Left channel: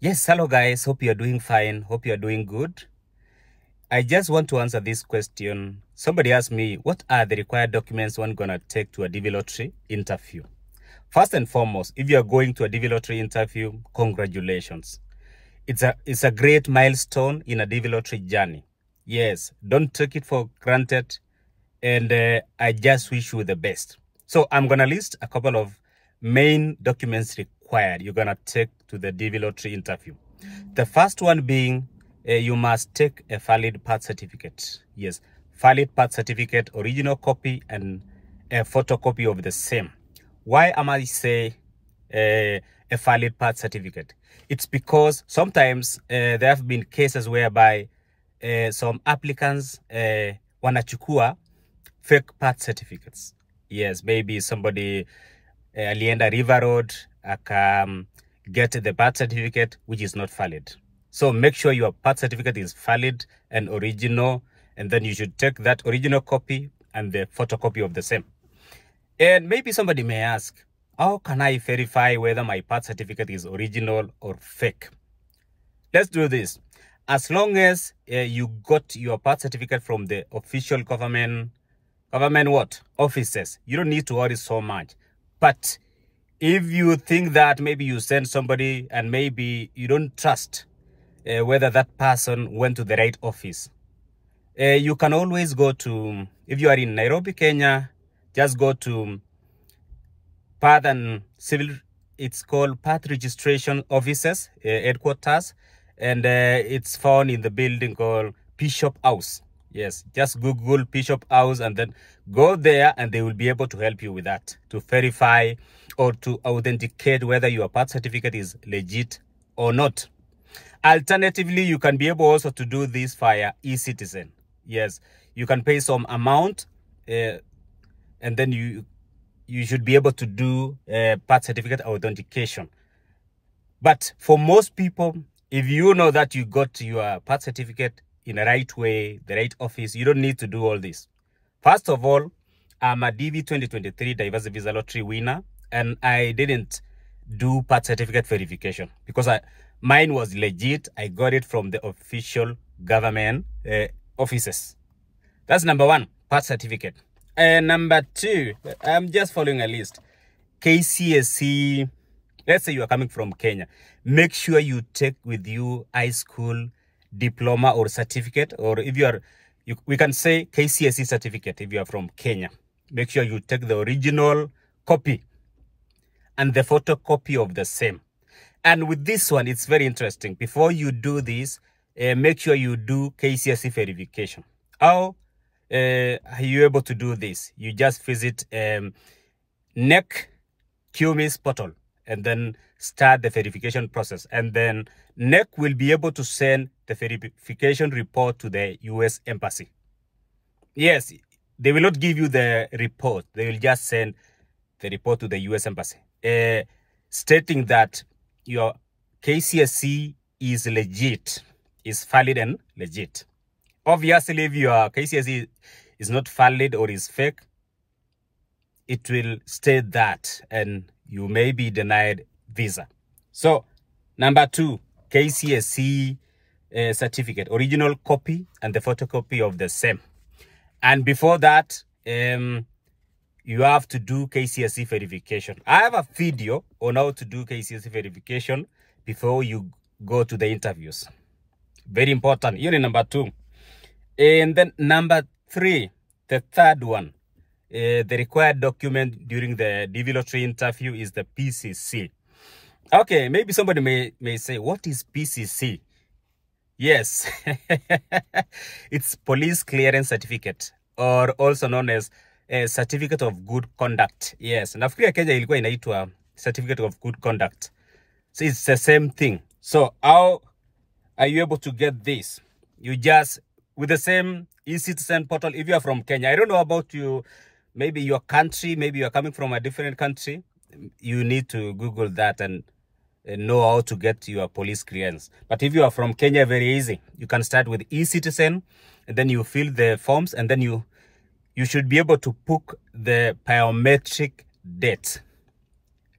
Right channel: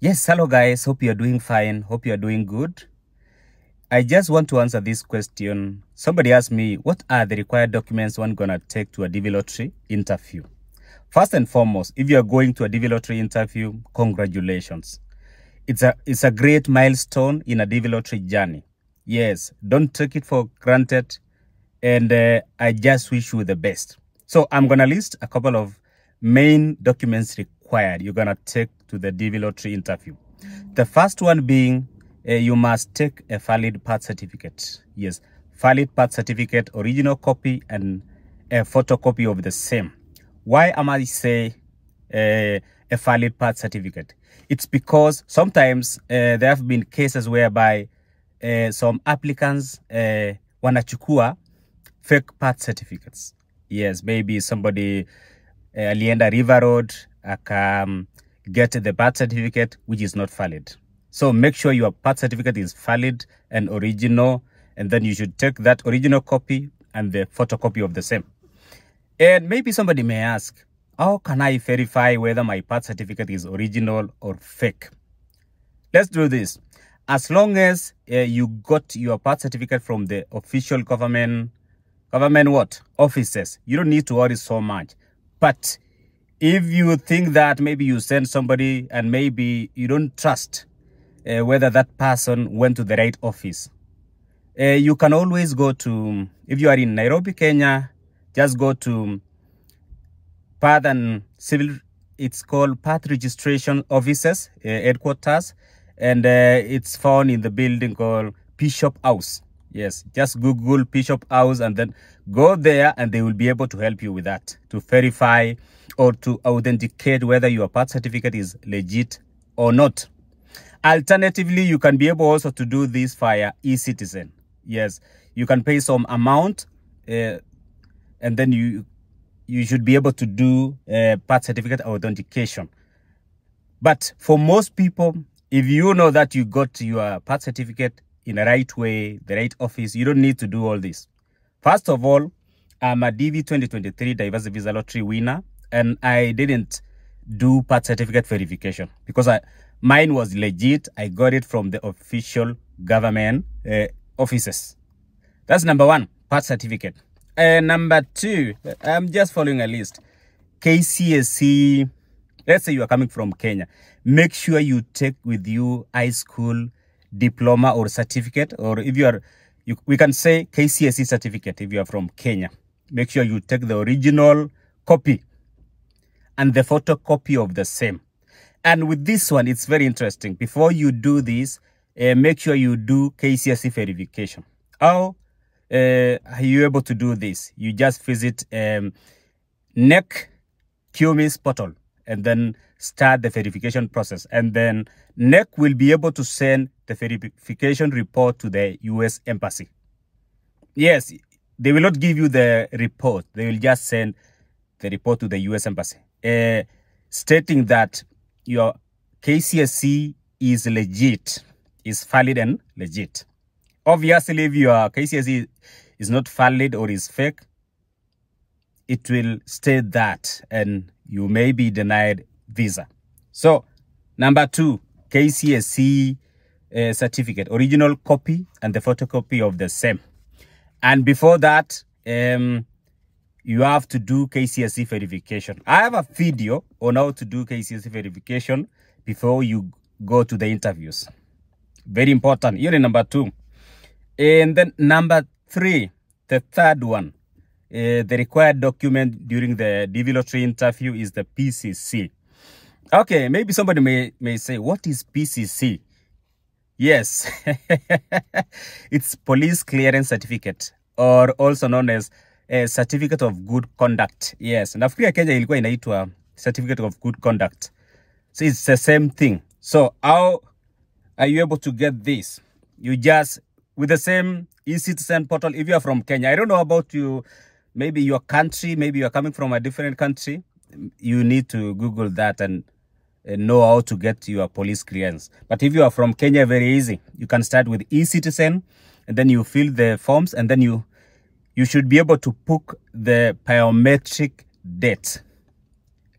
Yes, hello guys. Hope you're doing fine. Hope you're doing good. I just want to answer this question. Somebody asked me, what are the required documents one gonna take to a DV lottery interview? First and foremost, if you're going to a DV lottery interview, congratulations. It's a great milestone in a DV lottery journey. Yes, don't take it for granted. And I just wish you the best. So I'm gonna list a couple of main documents required you're gonna take to the DV lottery interview. The first one being you must take a valid birth certificate. Yes, valid birth certificate, original copy, and a photocopy of the same. Why am I say a valid birth certificate? It's because sometimes there have been cases whereby some applicants wanachukua fake birth certificates. Yes, maybe somebody alienda River Road get the birth certificate which is not valid. So make sure your birth certificate is valid and original, and then you should take that original copy and the photocopy of the same. And maybe somebody may ask, how can I verify whether my birth certificate is original or fake? Let's do this. As long as you got your birth certificate from the official government what? Offices, you don't need to worry so much. But if you think that maybe you send somebody and maybe you don't trust whether that person went to the right office, you can always go to, if you are in Nairobi, Kenya, just go to Path and Civil, it's called Path Registration Offices, headquarters, and it's found in the building called Bishop House. Yes, just Google Bishop House and then go there and they will be able to help you with that, to verify or to authenticate whether your birth certificate is legit or not. Alternatively, you can be able also to do this via eCitizen. Yes, you can pay some amount and then you should be able to do birth certificate authentication. But for most people, if you know that you got your birth certificate in the right way, the right office, you don't need to do all this. First of all, I'm a DV 2023 Diversity Visa Lottery winner, and I didn't do birth certificate verification because mine was legit. I got it from the official government offices. That's number one, birth certificate. Number two, I'm just following a list. KCSE, let's say you are coming from Kenya. Make sure you take with you high school diploma or certificate, or if you are, we can say KCSE certificate if you are from Kenya. Make sure you take the original copy and the photocopy of the same. And with this one, it's very interesting. Before you do this, make sure you do KCSE verification. How are you able to do this? You just visit NEC QMIS portal and then start the verification process. And then NEC will be able to send the verification report to the US Embassy. Yes, they will not give you the report. They will just send the report to the US Embassy, stating that your KCSE is legit, is valid and legit. Obviously, if your KCSE is not valid or is fake, it will state that and you may be denied visa. So, number two, KCSE certificate, original copy and the photocopy of the same. And before that, you have to do KCSE verification. I have a video on how to do KCSE verification before you go to the interviews. Very important. Here is number two. And then number three, the third one, the required document during the DV lottery interview is the PCC. Okay, maybe somebody may say, what is PCC? Yes, it's Police Clearance Certificate, or also known as a Certificate of Good Conduct. Yes, nafikiri Kenya ilikuwa inaitwa Certificate of Good Conduct. So it's the same thing. So how are you able to get this? You just, with the same eCitizen portal, if you are from Kenya, I don't know about you, maybe your country, maybe you are coming from a different country, you need to Google that and know how to get your police clearance. But if you are from Kenya, very easy. You can start with eCitizen and then you fill the forms and then you should be able to book the biometric date.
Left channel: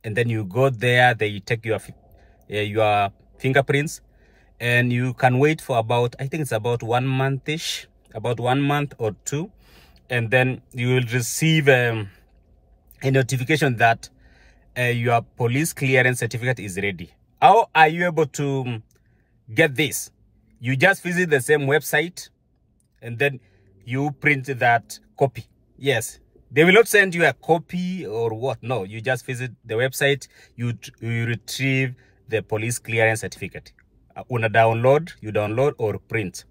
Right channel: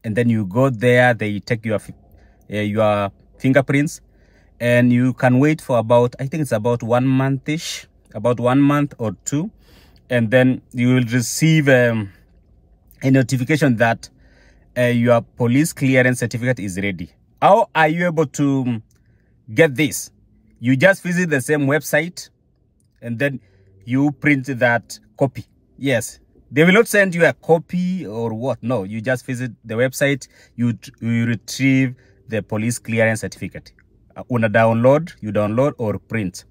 And then you go there, they take your fingerprints, and you can wait for about, I think it's about 1 month-ish, about 1 month or 2, and then you will receive a notification that your police clearance certificate is ready. How are you able to get this? You just visit the same website and then you print that copy. Yes, they will not send you a copy or what. No, you just visit the website, you retrieve the police clearance certificate. You download or print.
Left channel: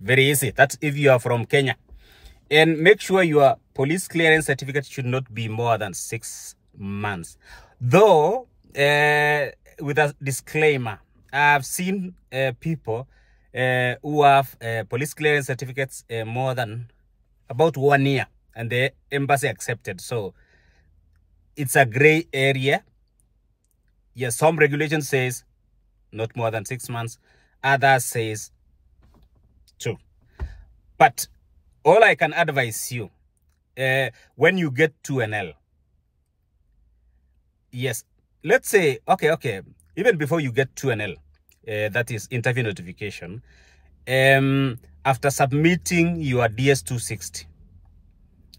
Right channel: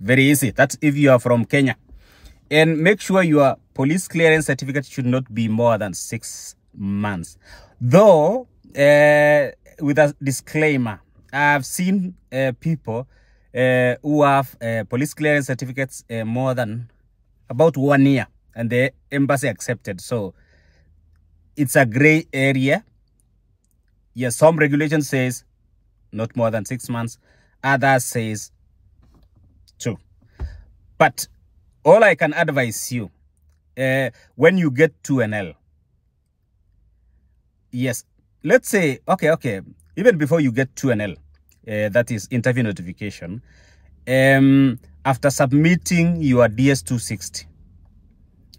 Very easy. That's if you are from Kenya. And make sure your police clearance certificate should not be more than 6 months. Though, with a disclaimer, I've seen people who have police clearance certificates more than about 1 year, and the embassy accepted. So it's a gray area. Yes, some regulation says not more than 6 months. Others says 2. But all I can advise you, when you get to an L, yes, let's say, okay, even before you get to an L, that is interview notification, after submitting your DS-260,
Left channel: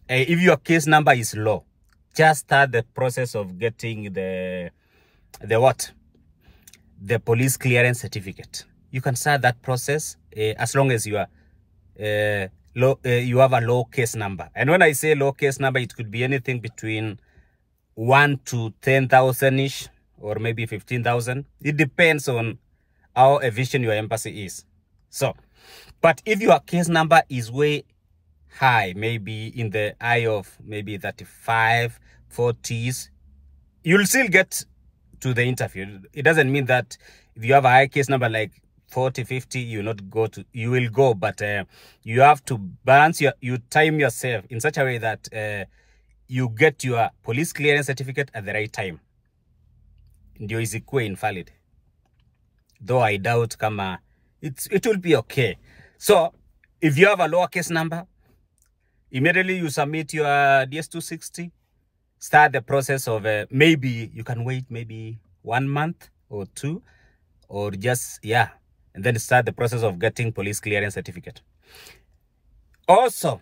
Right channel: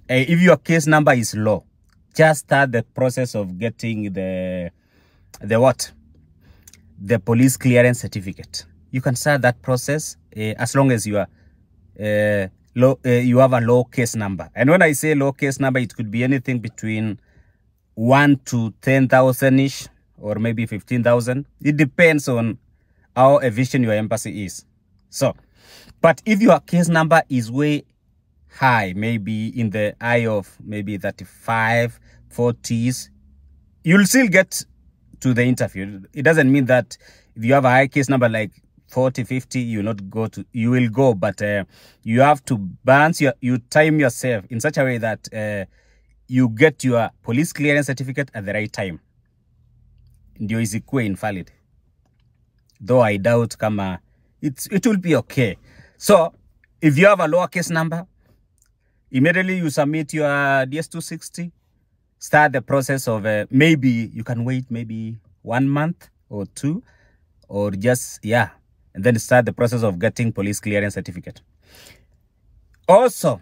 if your case number is low, just start the process of getting the police clearance certificate. You can start that process as long as you are you have a low case number. And when I say low case number, it could be anything between 1 to 10,000 ish, or maybe 15,000. It depends on how efficient your embassy is. So, but if your case number is way high, maybe in the eye of maybe 35, 40s, you'll still get to the interview. It doesn't mean that if you have a high case number like 40, 50, you will go, but you have to balance you time yourself in such a way that you get your police clearance certificate at the right time. Ndio isikuwe invalid. Though I doubt kama it will be okay. So if you have a lower case number, immediately you submit your DS-260, start the process of maybe you can wait maybe 1 month or 2, or just, yeah, and then start the process of getting police clearance certificate. Also,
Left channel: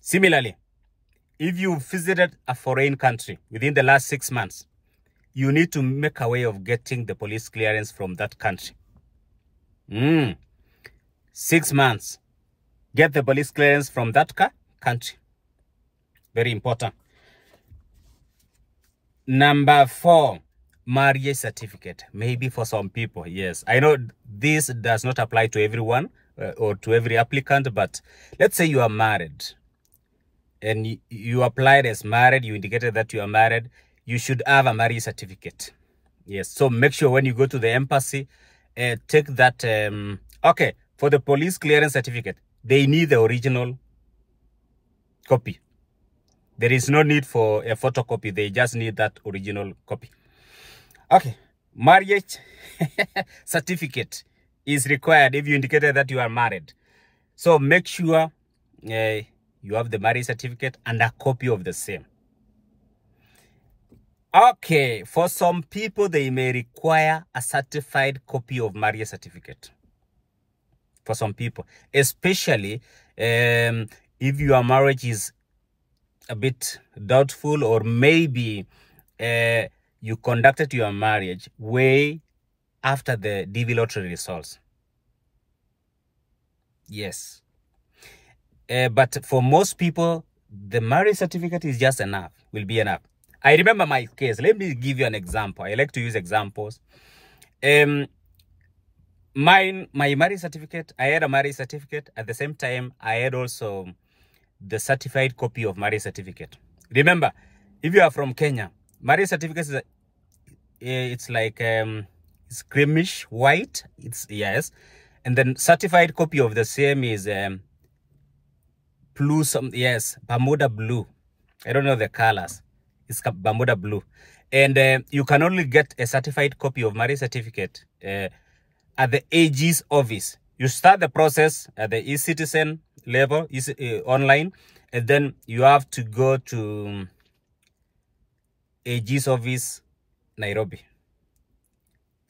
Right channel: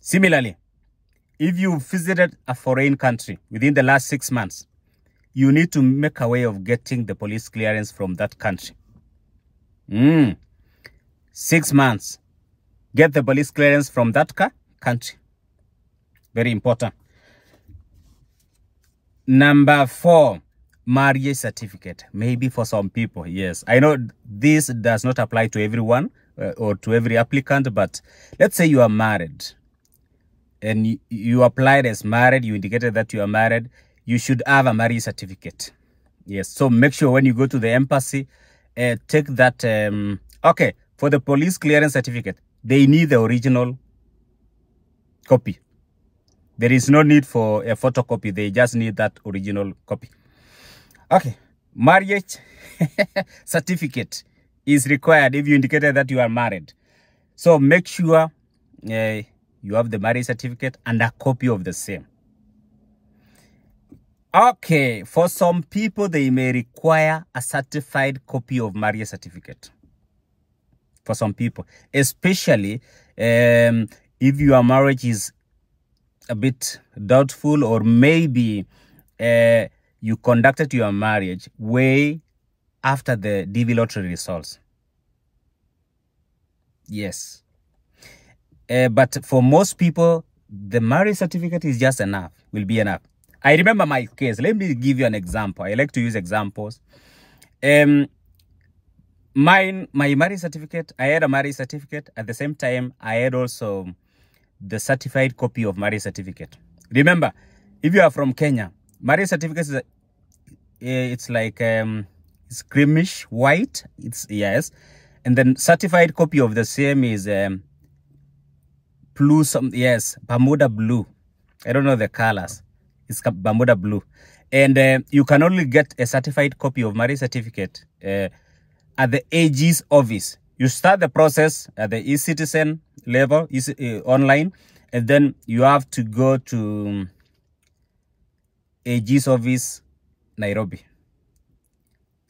similarly, if you visited a foreign country within the last 6 months, you need to make a way of getting the police clearance from that country. 6 months. Get the police clearance from that country. Very important. Number 4, marriage certificate. Maybe for some people, yes. I know this does not apply to everyone or to every applicant, but let's say you are married and you applied as married, you indicated that you are married, you should have a marriage certificate. Yes, so make sure when you go to the embassy, take that. Okay, for the police clearance certificate, they need the original copy. There is no need for a photocopy. They just need that original copy. Okay, marriage certificate is required if you indicated that you are married. So make sure you have the marriage certificate and a copy of the same. Okay, for some people, they may require a certified copy of marriage certificate. For some people, especially if your marriage is a bit doubtful, or maybe you conducted your marriage way after the DV lottery results. Yes. But for most people, the marriage certificate is just enough, will be enough. I remember my case. Let me give you an example. I like to use examples. My marriage certificate, I had a marriage certificate. At the same time, I had also the certified copy of marriage certificate. Remember, if you are from Kenya, marriage certificate is it's like it's creamish white. It's yes, and then certified copy of the same is blue. Bermuda blue. I don't know the colors. It's Bermuda blue, and you can only get a certified copy of marriage certificate at the AG's office. You start the process at the eCitizen level, online, and then you have to go to AG's office, Nairobi.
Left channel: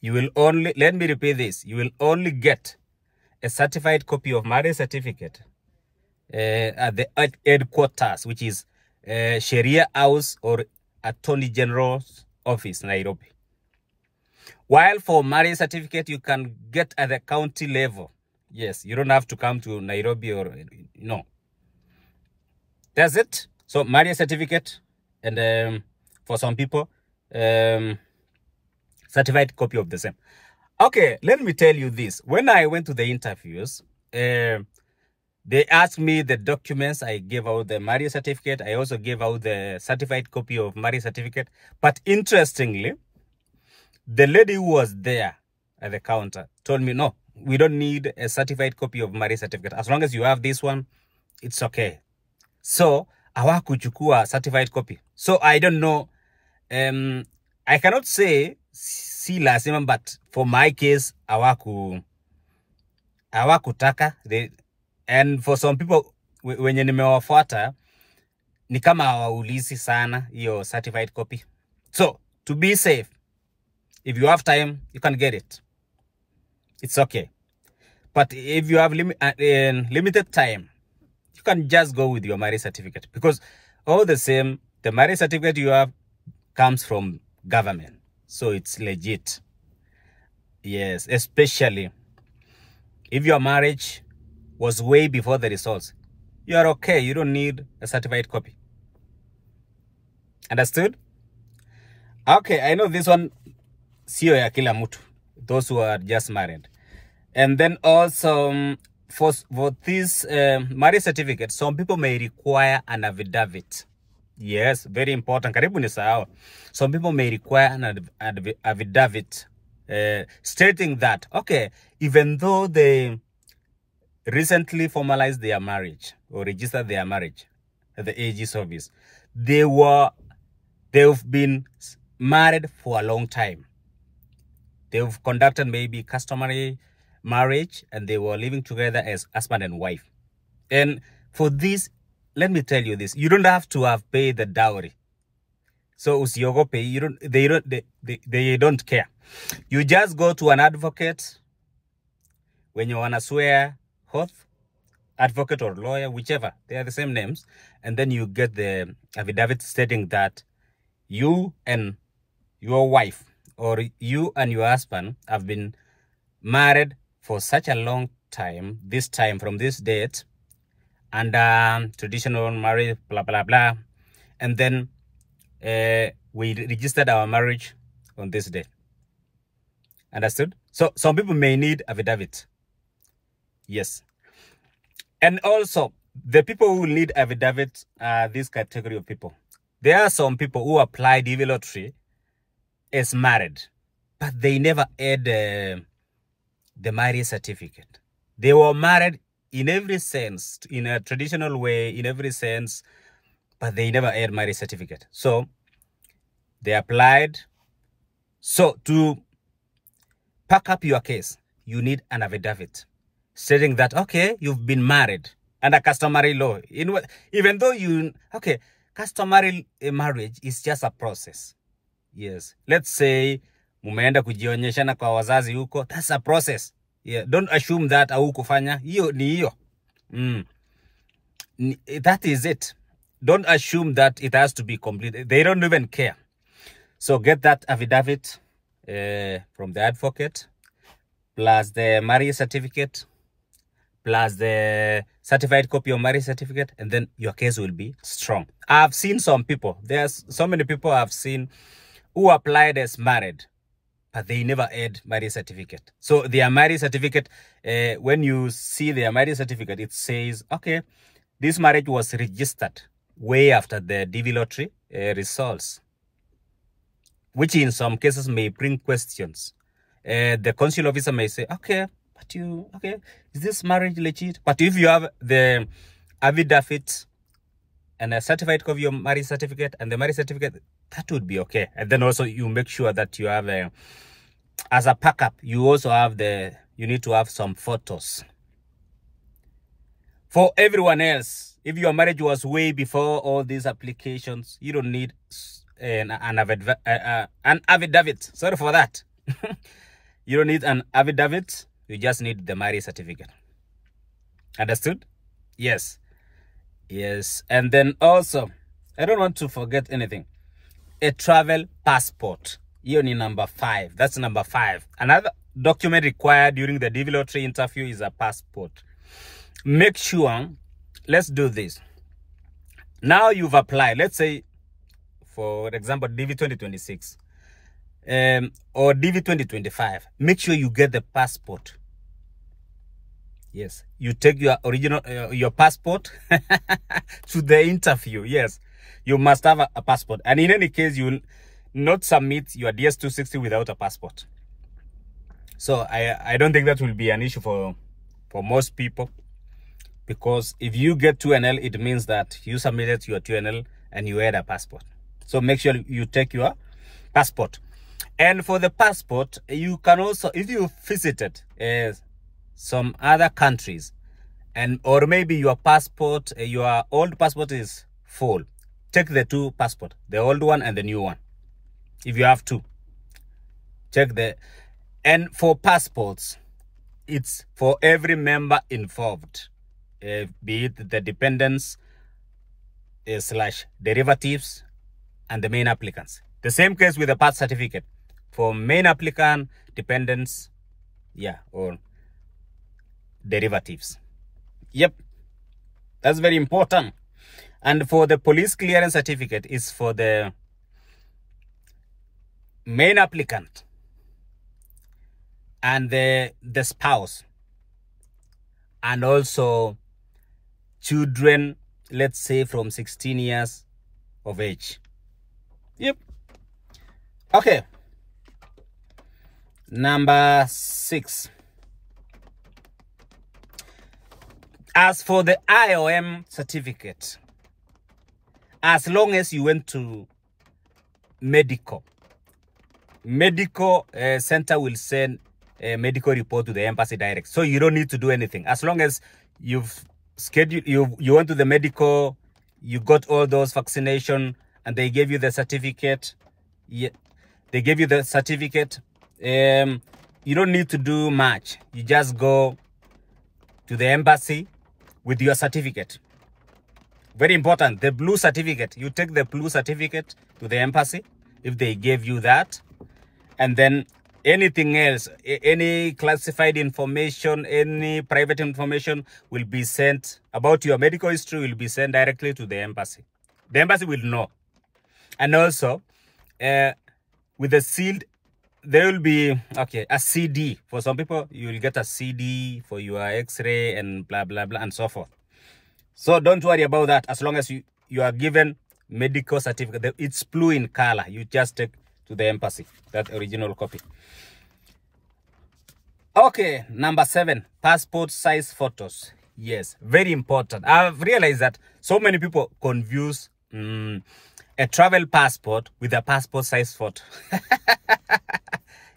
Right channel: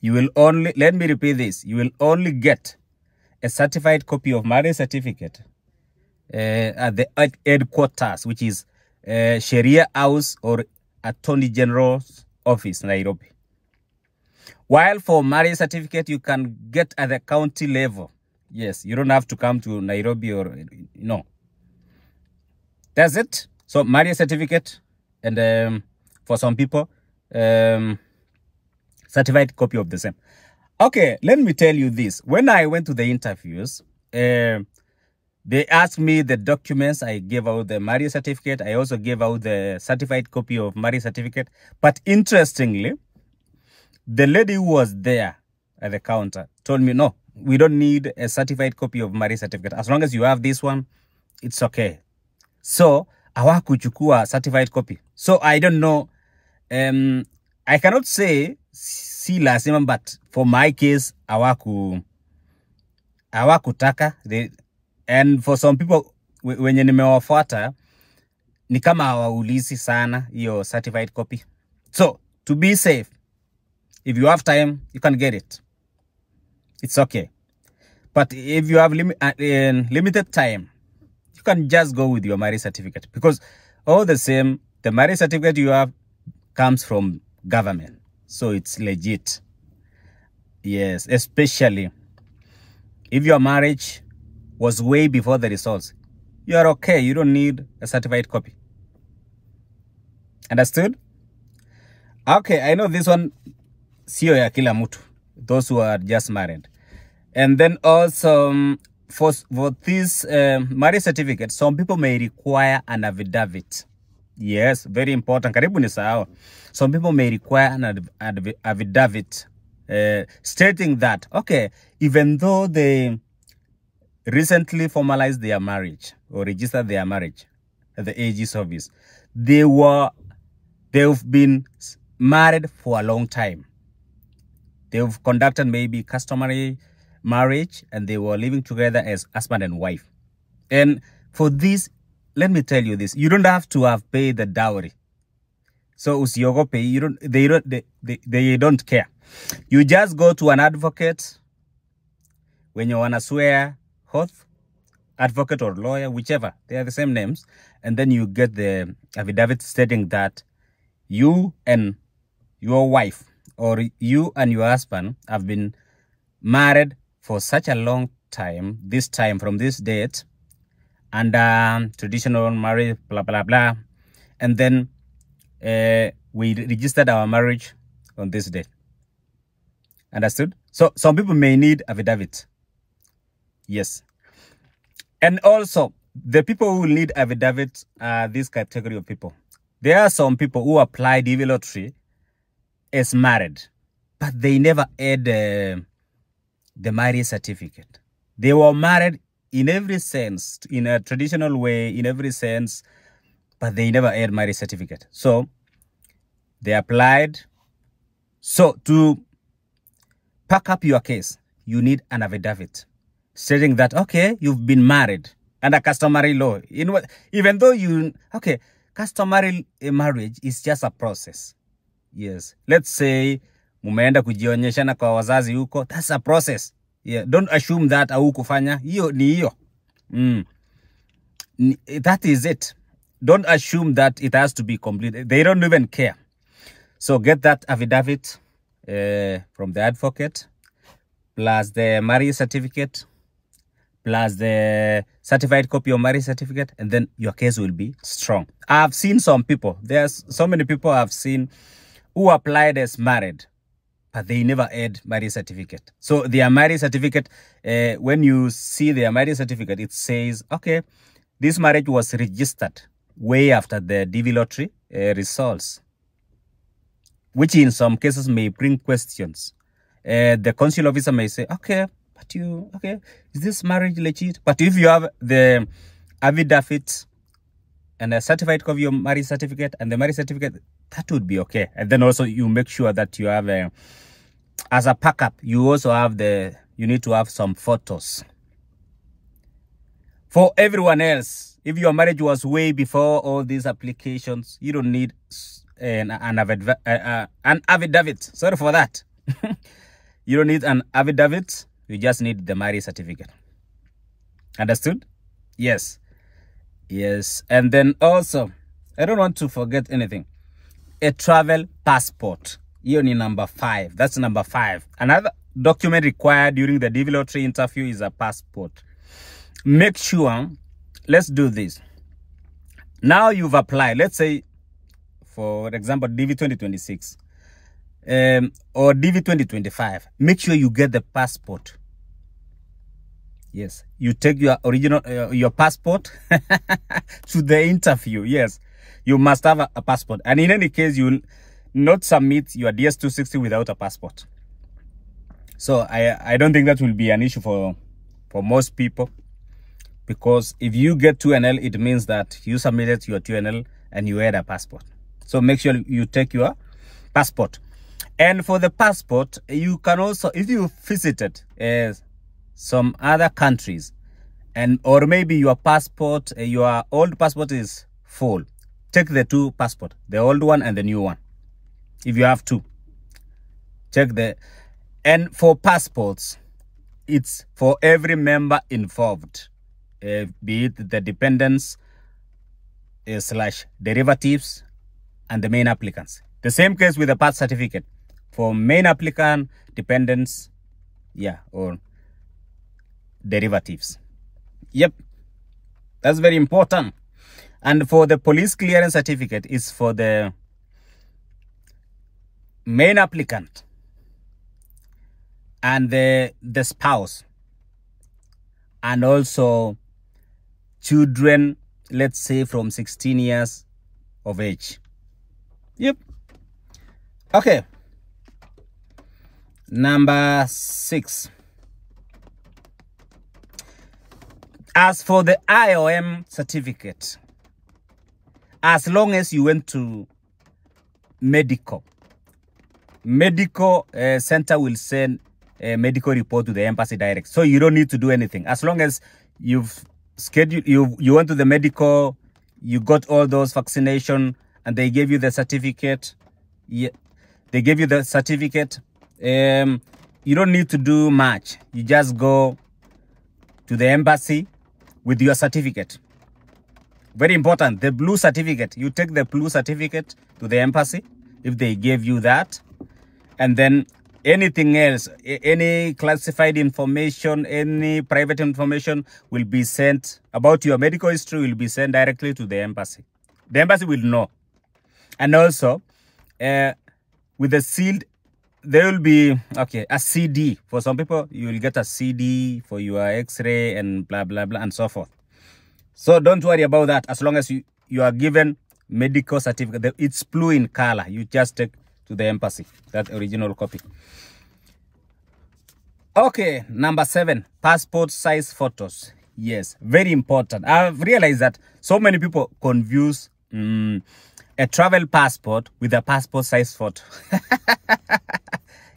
you will only, let me repeat this, you will only get a certified copy of marriage certificate at the headquarters, which is Sharia House or Attorney General's Office, Nairobi. While for marriage certificate, you can get at the county level. Yes, you don't have to come to Nairobi or, no. That's it. So marriage certificate and for some people, certified copy of the same. Okay, let me tell you this. When I went to the interviews, they asked me the documents. I gave out the marriage certificate. I also gave out the certified copy of marriage certificate. But interestingly, the lady who was there at the counter told me, no, we don't need a certified copy of marriage certificate. As long as you have this one, it's okay. So, hawakuchukua certified copy. So, I don't know. I cannot say si lazima, but for my case, hawakutaka. And for some people, wenye nimewafuata, ni kama hawaulizi sana hiyo certified copy. So, to be safe, if you have time, you can get it. It's okay. But if you have limited time, you can just go with your marriage certificate. Because all the same, the marriage certificate you have comes from government. So it's legit. Yes, especially if your marriage was way before the results. You are okay. You don't need a certified copy. Understood? Okay, I know this one, sio ya kila mtu. Those who are just married. And then also, for this marriage certificate, some people may require an affidavit. Yes, very important. Karibu nisahau. Some people may require an affidavit stating that, okay, even though they recently formalized their marriage or registered their marriage at the AG's office, they've been married for a long time. They've conducted maybe customary marriage and they were living together as husband and wife. And for this, let me tell you this, you don't have to have paid the dowry. So usiogope, they don't care. You just go to an advocate when you wanna swear oath, advocate or lawyer, whichever, they are the same names, and then you get the affidavit stating that you and your wife or you and your husband have been married for such a long time, this time from this date, and traditional marriage, blah, blah, blah. And then we registered our marriage on this date. Understood? So some people may need affidavit. Yes. And also, the people who need affidavit are this category of people. There are some people who apply DV lottery as married, but they never had the marriage certificate. They were married in every sense, in a traditional way, in every sense, but they never had marriage certificate. So they applied. So to pack up your case, you need an affidavit stating that, okay, you've been married under customary law. Even though customary marriage is just a process. Yes. Let's say mumeenda kujionyeshana kwa wazazi huko, that's a process. Yeah, don't assume that haukufanya. Hiyo ni hiyo. That is it. Don't assume that it has to be complete. They don't even care. So get that affidavit from the advocate, plus the marriage certificate, plus the certified copy of marriage certificate, and then your case will be strong. I've seen some people, there's so many people I've seen who applied as married, but they never had marriage certificate. So their marriage certificate, when you see their marriage certificate, it says, okay, this marriage was registered way after the DV lottery results, which in some cases may bring questions. The consular officer may say, okay, is this marriage legit? But if you have the affidavit and a certified copy of marriage certificate and the marriage certificate, that would be okay. And then also you make sure that you have as a backup, you also have you need to have some photos. For everyone else, if your marriage was way before all these applications, you don't need an affidavit. Sorry for that. You don't need an affidavit. You just need the marriage certificate. Understood? Yes. Yes. And then also, I don't want to forget anything. A travel passport. Here is number 5. That's number 5. Another document required during the DV lottery interview is a passport. Make sure, let's do this. Now you've applied, let's say, for example, DV 2026 or DV 2025. Make sure you get the passport. Yes, you take your original, your passport to the interview. Yes, you must have a passport. And in any case, you will not submit your DS260 without a passport. So I don't think that will be an issue for most people. Because if you get 2NL, it means that you submitted your 2NL and you had a passport. So make sure you take your passport. And for the passport, you can also, if you visited some other countries, or maybe your passport, your old passport is full, take the 2 passports, the old one and the new one. If you have 2, check the. And for passports, it's for every member involved. Be it the dependents / derivatives and the main applicants. The same case with the birth certificate. For main applicant, dependents, or derivatives. Yep, that's very important. And for the police clearance certificate, is for the main applicant and the spouse, and also children, let's say from 16 years of age. Yep. Okay. Number 6. As for the IOM certificate, as long as you went to medical center will send a medical report to the embassy direct. So you don't need to do anything. As long as you've scheduled, you went to the medical, you got all those vaccination, and they gave you the certificate. Yeah, they gave you the certificate. You don't need to do much. You just go to the embassy with your certificate. Very important, the blue certificate. You take the blue certificate to the embassy if they gave you that. And then anything else, any classified information, any private information will be sent about your medical history will be sent directly to the embassy. The embassy will know. And also, with the sealed, there will be, a CD. For some people, you will get a CD for your X-ray and blah, blah, blah, and so forth. So don't worry about that. As long as you are given medical certificate, it's blue in color. You just take to the embassy, that original copy. Okay, number 7, passport size photos. Yes, very important. I've realized that so many people confuse a travel passport with a passport size photo.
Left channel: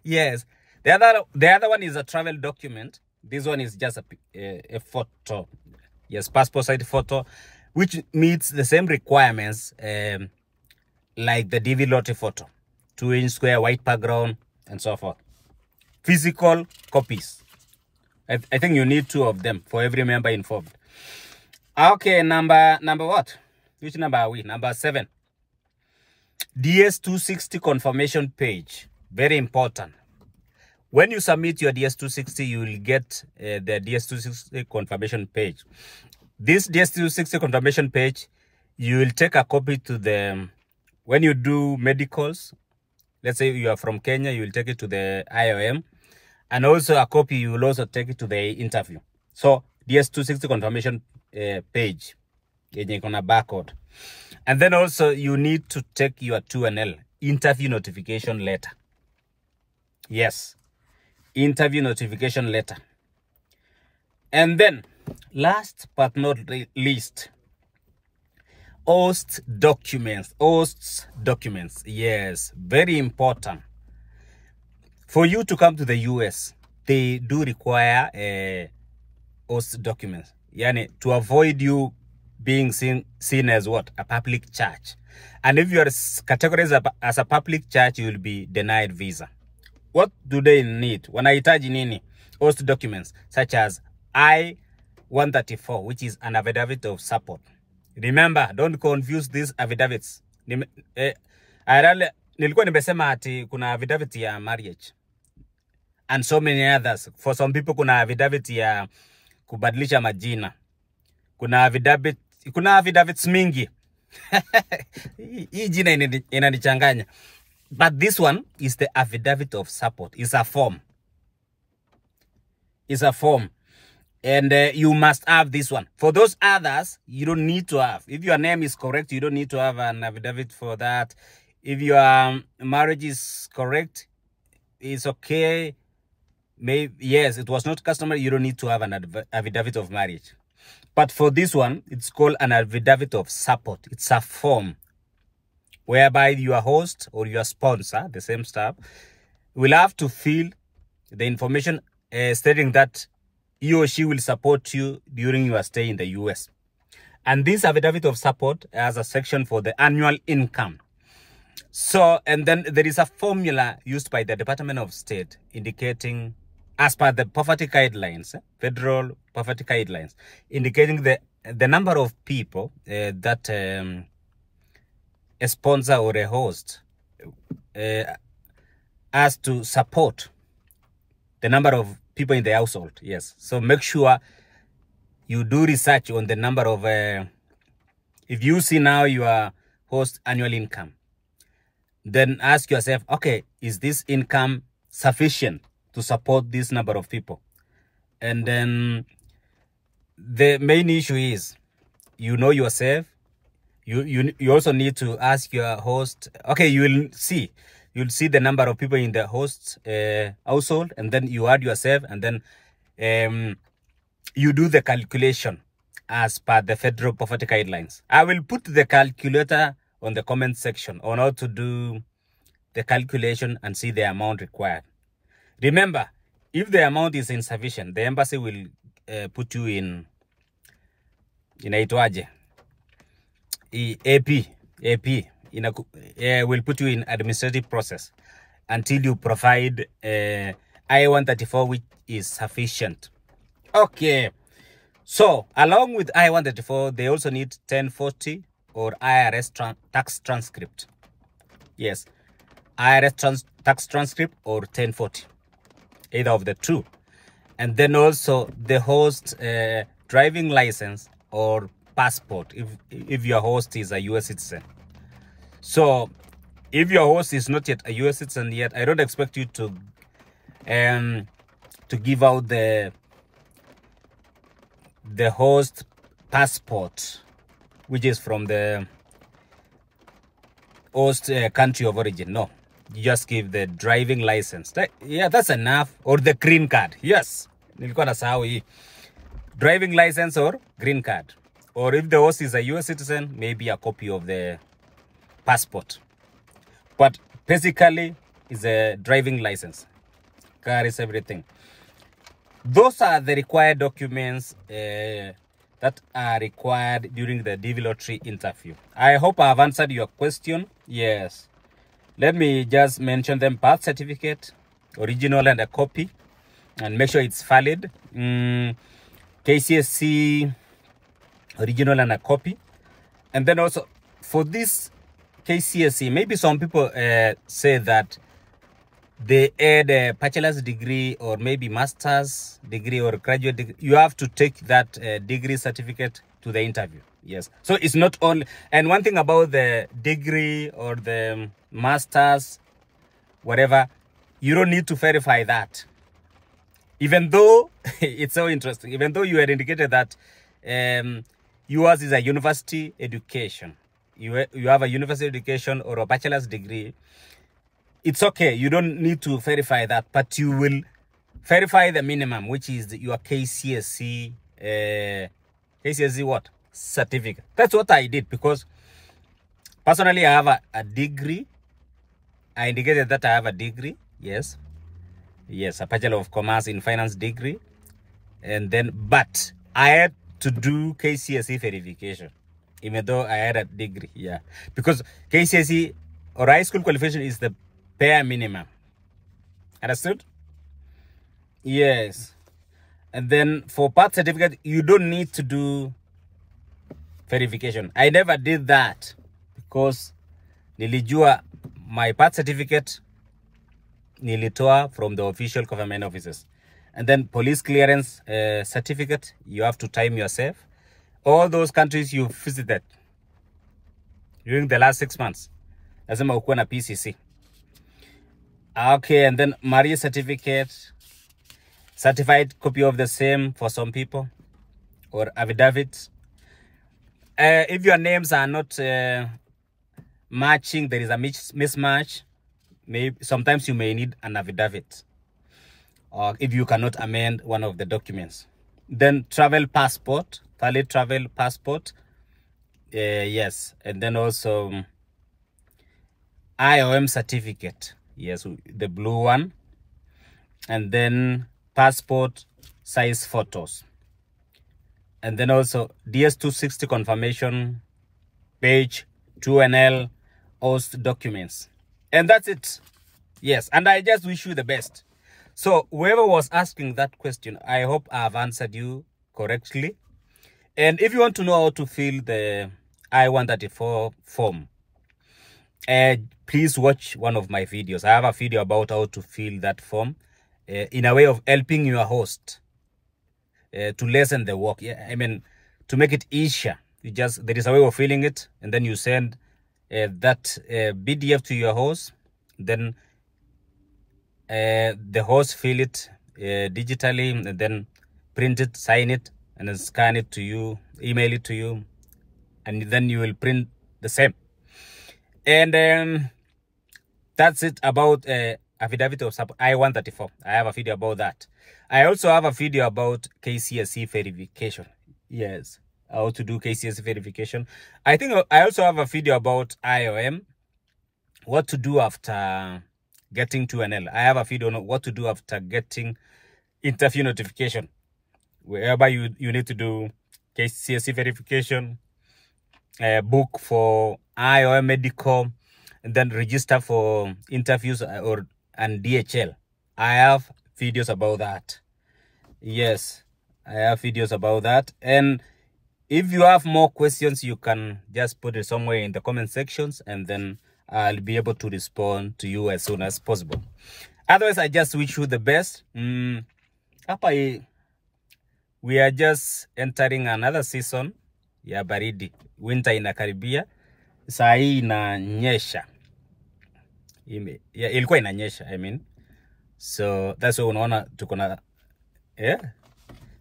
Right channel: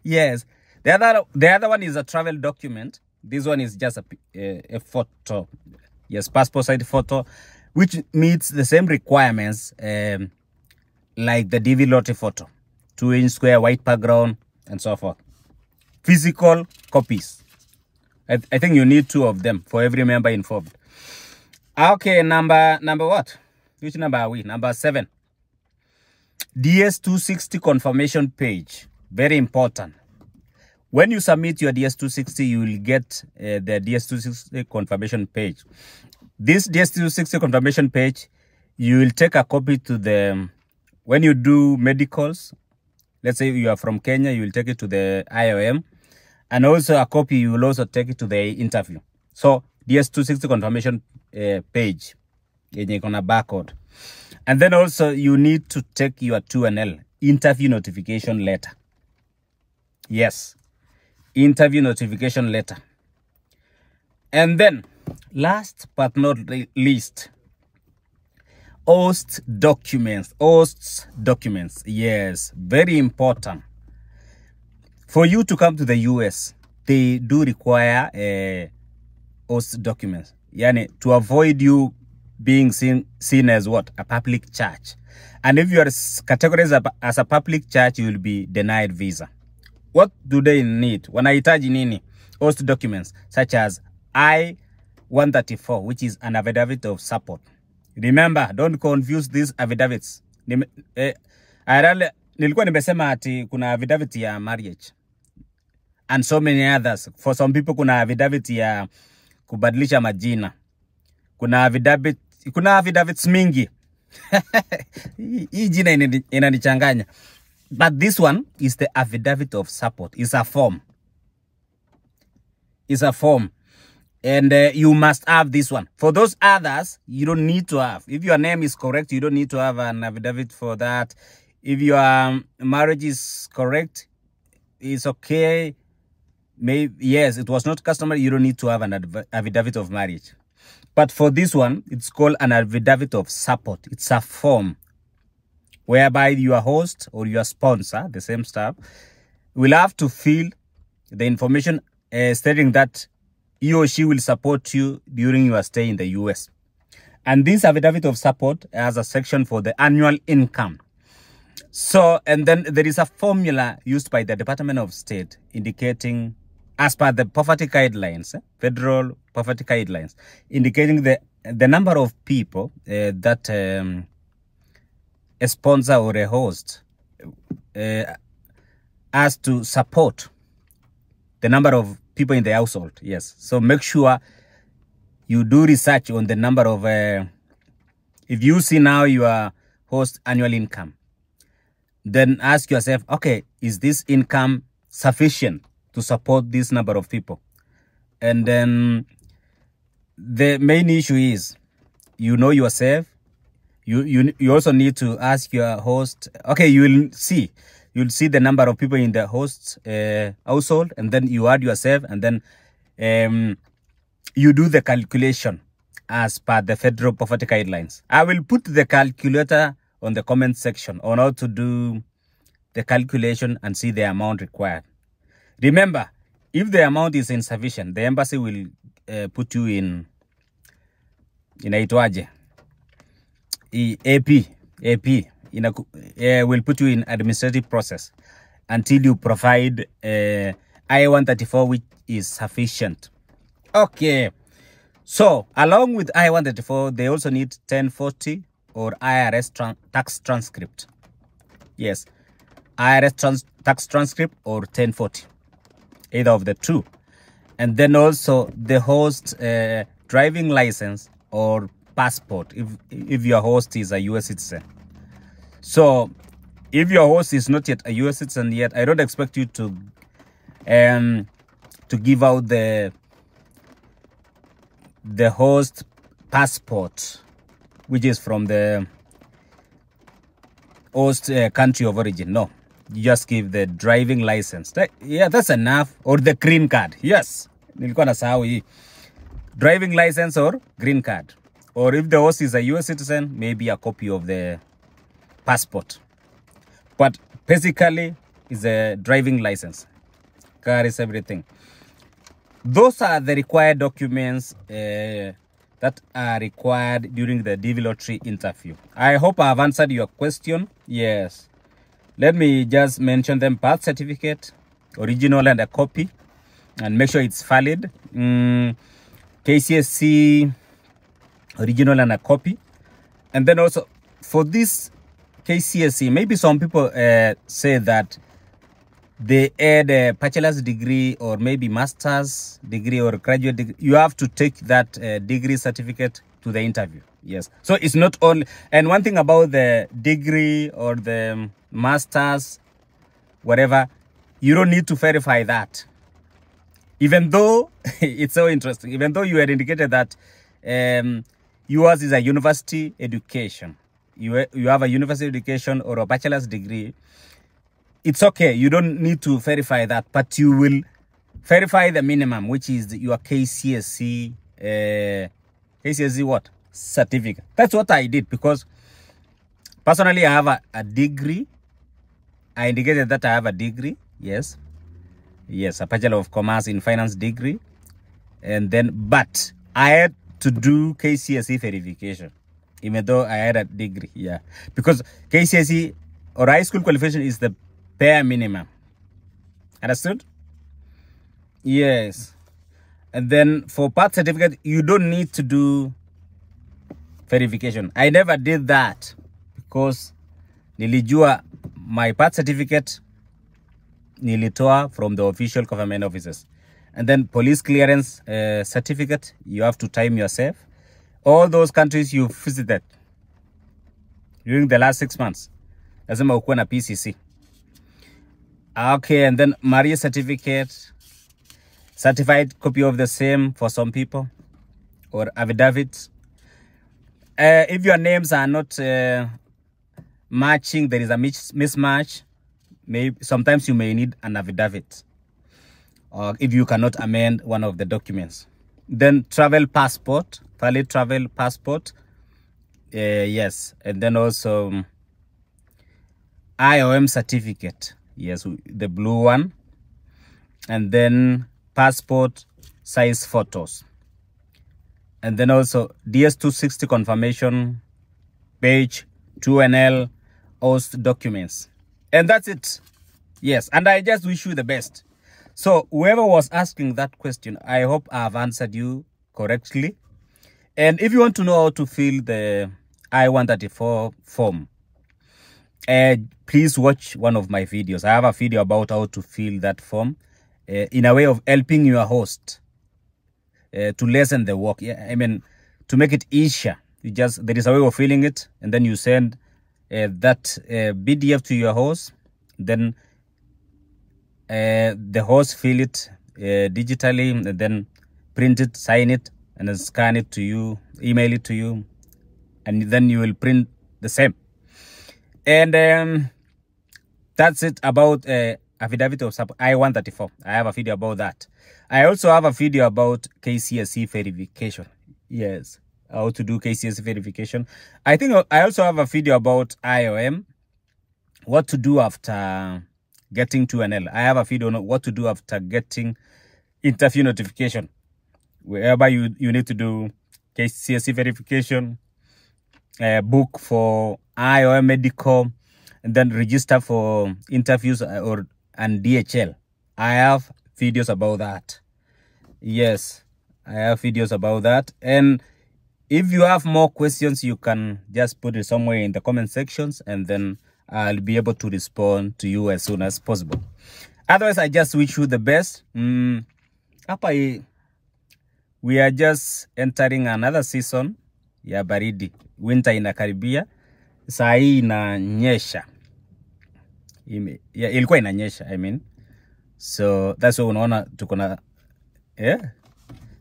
Yes, the other one is a travel document. This one is just a photo. Yes, passport size photo, which meets the same requirements like the DV lottery photo. 2-inch square, white background, and so forth. Physical copies. I think you need 2 of them for every member involved. Okay, number what? Which number are we? Number 7. DS260 confirmation page. Very important. When you submit your DS260, you will get the DS260 confirmation page. This DS260 confirmation page, you will take a copy to the, when you do medicals, let's say you are from Kenya, you will take it to the IOM. And also a copy, you will also take it to the interview. So DS260 confirmation page, on a barcode. And then also you need to take your 2NL, interview notification letter. Yes, interview notification letter. And then, last but not least, OST documents. OST documents, yes, very important. For you to come to the US, they do require OST documents. Yani, to avoid you being seen as what? A public church. And if you are categorized as a public church, you will be denied visa. what do they need? Wanahitaji nini? Host documents such as I-134, which is an affidavit of support. Remember, don't confuse these affidavits. Nilikuwa nimesema ati kuna affidavit ya marriage and so many others. For some people kuna affidavit ya kubadilisha majina. Kuna affidavits mingi. Hii jina inanichanganya. But this one is the affidavit of support. It's a form. It's a form. And you must have this one. For those others, you don't need to have. If your name is correct, you don't need to have an affidavit for that. If your marriage is correct, it's okay. Maybe, yes, it was not customary. You don't need to have an affidavit of marriage. But for this one, it's called an affidavit of support. It's a form whereby your host or your sponsor, the same staff, will have to fill the information stating that he or she will support you during your stay in the US. And this affidavit of support has a section for the annual income. So, and then there is a formula used by the Department of State indicating, as per the poverty guidelines, federal poverty guidelines, indicating the number of people that a sponsor or a host has to support, the number of people in the household. Yes. So make sure you do research on the number of, if you see now your host annual income, then ask yourself, okay, is this income sufficient to support this number of people? And then the main issue is, you know yourself. You also need to ask your host. Okay, you'll see the number of people in the host's household, and then you add yourself, and then you do the calculation as per the federal poverty guidelines. I will put the calculator on the comment section on how to do the calculation and see the amount required. Remember, if the amount is insufficient, the embassy will put you in inaitwaje, AP will put you in administrative process until you provide I-134, which is sufficient. Okay, so along with I-134, they also need 1040 or IRS tax transcript. Yes, IRS tax transcript or 1040, either of the two. And then also the host driving license or passport if your host is a US citizen. So if your host is not yet a US citizen yet, I don't expect you to give out the host passport, which is from the host country of origin. No, you just give the driving license. Yeah, that's enough. Or the green card. Yes, nilikuwa nasahau hii. Driving license or green card. Or if the host is a US citizen, maybe a copy of the passport. But basically, it's a driving license. Carries everything. Those are the required documents that are required during the DV lottery interview. I hope I have answered your question. Yes. Let me just mention them: birth certificate, original and a copy, and make sure it's valid. KCSE, original and a copy. And then also for this KCSE, maybe some people say that they add a bachelor's degree or maybe master's degree or graduate degree. You have to take that degree certificate to the interview. Yes. So it's not only, and one thing about the degree or the master's, whatever, you don't need to verify that. Even though it's so interesting, even though you had indicated that yours is a university education, you have a university education or a bachelor's degree, it's okay. You don't need to verify that, but you will verify the minimum, which is your KCSE, KCSE what? Certificate. That's what I did, because personally I have a degree. I indicated that I have a degree. Yes. Yes, a Bachelor of Commerce in Finance degree. And then, but I had to do KCSE verification, even though I had a degree. Yeah. Because KCSE or high school qualification is the bare minimum. Understood? Yes. And then for birth certificate, you don't need to do verification. I never did that because nilijua my birth certificate nilitoa from the official government offices. And then police clearance certificate, you have to time yourself. All those countries you visited during the last 6 months, lazima ukuwe na PCC. Okay, and then marriage certificate, certified copy of the same for some people, or affidavit. If your names are not matching, there is a mismatch, maybe sometimes you may need an affidavit, or if you cannot amend one of the documents. Then travel passport, valid travel passport. Yes, and then also IOM certificate. Yes, the blue one. And then passport size photos. And then also DS-260 confirmation page, 2NL, OST documents. And that's it. Yes, and I just wish you the best. So whoever was asking that question, I hope I've answered you correctly. And if you want to know how to fill the I-134 form, please watch one of my videos. I have a video about how to fill that form in a way of helping your host to lessen the work. Yeah, I mean, to make it easier. There is a way of filling it, and then you send that PDF to your host. Then the host fill it digitally, and then print it, sign it, and then scan it to you, email it to you, and then you will print the same. And that's it about affidavit of support I-134. I have a video about that. I also have a video about KCSE verification. Yes, how to do KCSE verification. I think I also have a video about IOM, what to do after getting 2NL. I have a video on what to do after getting interview notification, wherever you need to do KCSE verification, book for IOM medical, and then register for interviews and DHL. I have videos about that. Yes, I have videos about that. And if you have more questions, you can just put it somewhere in the comment sections, and then I'll be able to respond to you as soon as possible. Otherwise, I just wish you the best. We are just entering another season ya baridi. Winter inakaribia. Saa hii inanyesha. Ilikuwa inanyesha, I mean. So that's why unaona tuko na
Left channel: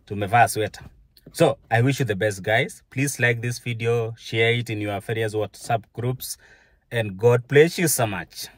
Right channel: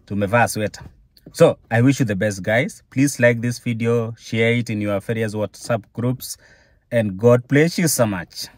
tumevaa sweater. So I wish you the best, guys. Please like this video, share it in your various WhatsApp groups, and God bless you so much.